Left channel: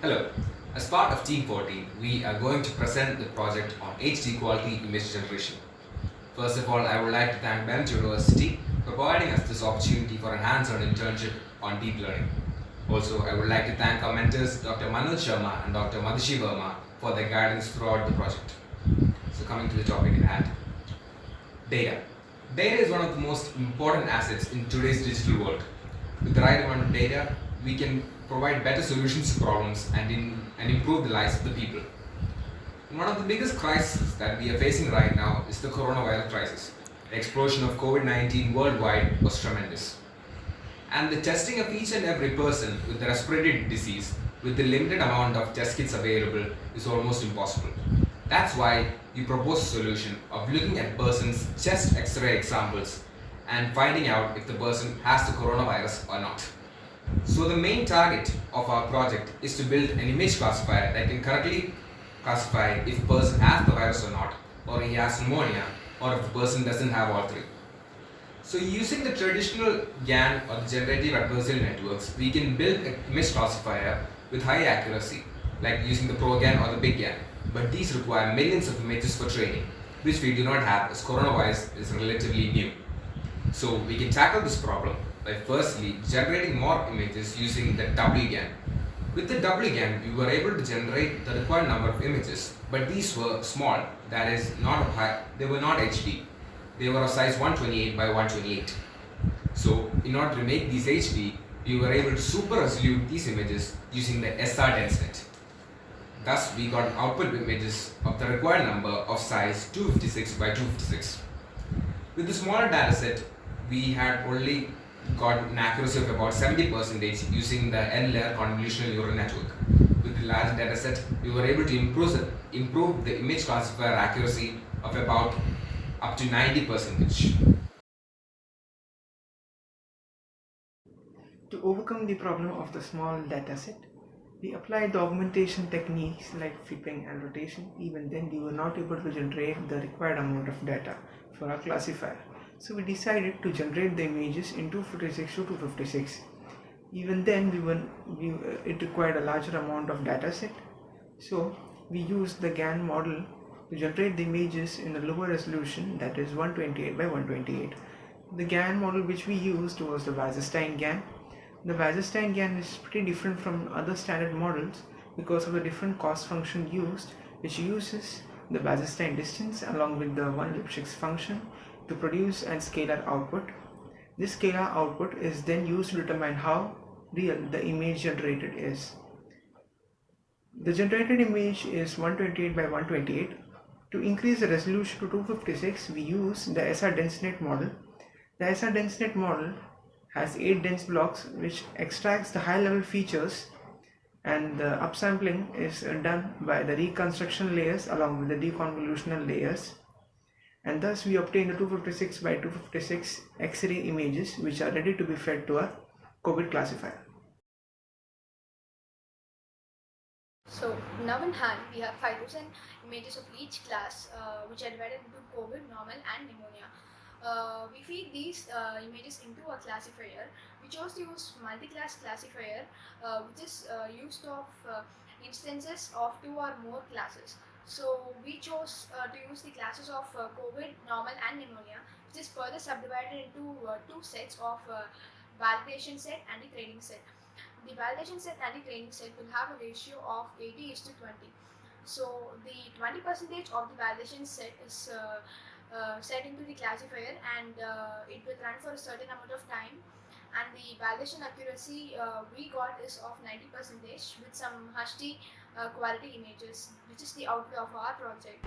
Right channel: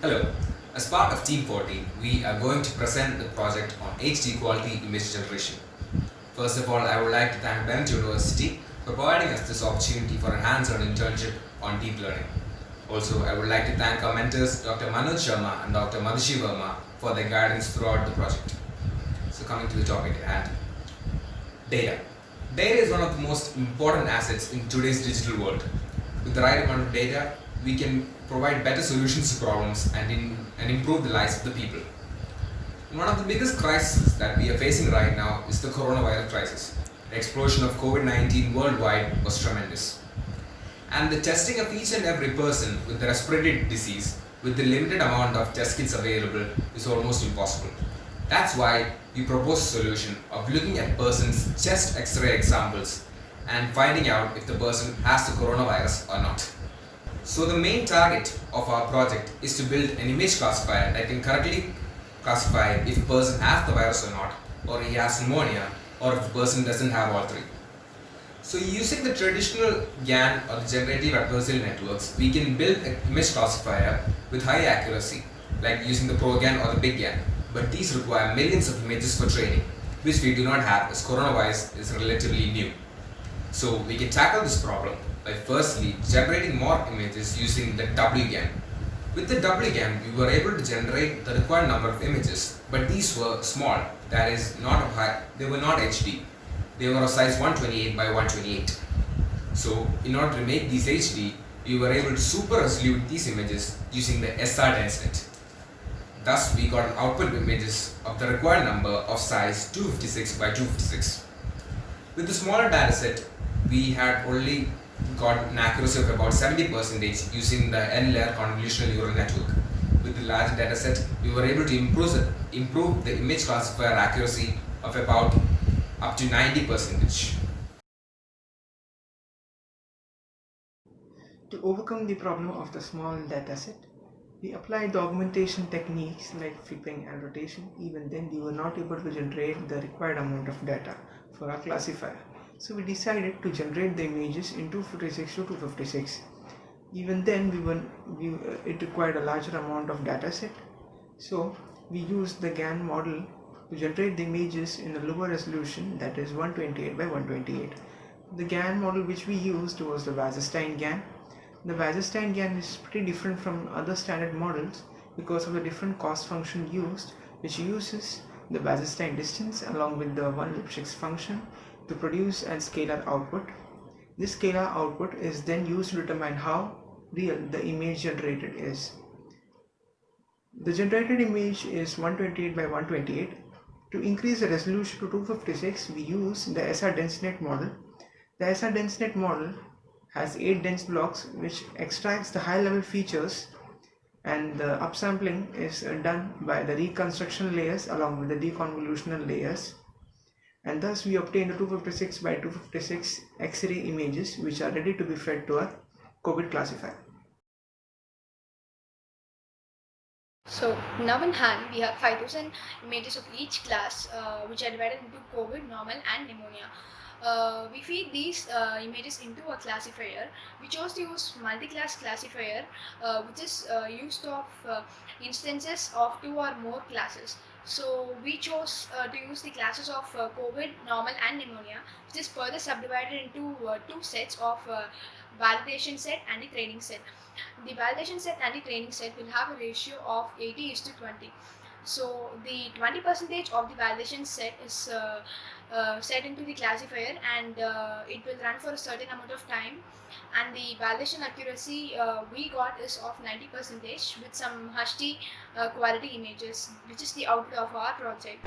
Hello. As part of Team 40, we are going to present the project on HD quality image generation. First of all, I would like to thank Bennett University for providing us this opportunity for a hands-on internship on deep learning. Also, I would like to thank our mentors Dr. Manoj Sharma and Dr. Madhushi Verma for their guidance throughout the project. So coming to the topic at hand. Data. Data is one of the most important assets in today's digital world. With the right amount of data, we can provide better solutions to problems and improve the lives of the people. One of the biggest crises that we are facing right now is the coronavirus crisis. The explosion of COVID-19 worldwide was tremendous. And the testing of each and every person with the respiratory disease with the limited amount of test kits available is almost impossible. That's why we propose a solution of looking at person's chest X-ray examples and finding out if the person has the coronavirus or not. So the main target of our project is to build an image classifier that can correctly classify if a person has the virus or not, or he has pneumonia, or if the person doesn't have all three. So using the traditional GAN or the generative adversarial networks, we can build an image classifier with high accuracy, like using the ProGAN or the Big GAN. But these require millions of images for training, which we do not have as coronavirus is relatively new. So we can tackle this problem by firstly generating more images using the WGAN. With the WGAN, we were able to generate the required number of images, but these were small, that is not of high, they were not HD. They were of size 128 by 128. So in order to make these HD, we were able to super resolute these images using the SR DenseNet. Thus, we got output images of the required number of size 256 by 256. With the smaller dataset, we had only got an accuracy of about 70% using the N-layer convolutional neural network. With the larger dataset, we were able to improve the image classifier accuracy of about up to 90%. To overcome the problem of the small dataset, we applied the augmentation techniques like flipping and rotation. Even then, we were not able to generate the required amount of data for our classifier. So we decided to generate the images in 256 to 256. Even then, it required a larger amount of data set. So we used the GAN model to generate the images in a lower resolution, that is 128 by 128. The GAN model which we used was the Wasserstein GAN. The Wasserstein GAN is pretty different from other standard models because of the different cost function used, which uses the Wasserstein distance along with the one Lipschitz function to produce a scalar output. This scalar output is then used to determine how real the image generated is. The generated image is 128 by 128. To increase the resolution to 256, we use the SR DenseNet model. The SR DenseNet model has 8 dense blocks which extracts the high level features, and the upsampling is done by the reconstruction layers along with the deconvolutional layers, and thus we obtain the 256 by 256 X-ray images which are ready to be fed to our COVID classifier. So now in hand, we have 5,000 images of each class, which are divided into COVID, normal, and pneumonia. We feed these images into a classifier. We chose to use multi-class classifier, which is used of instances of 2 or more classes. So we chose to use the classes of COVID, normal, and pneumonia, which is further subdivided into 2 sets of validation set and the training set. The validation set and the training set will have a ratio of 80:20. So the 20% of the validation set is set into the classifier, and it will run for a certain amount of time, and the validation accuracy we got is of 90% with some HD quality images, which is the output of our project.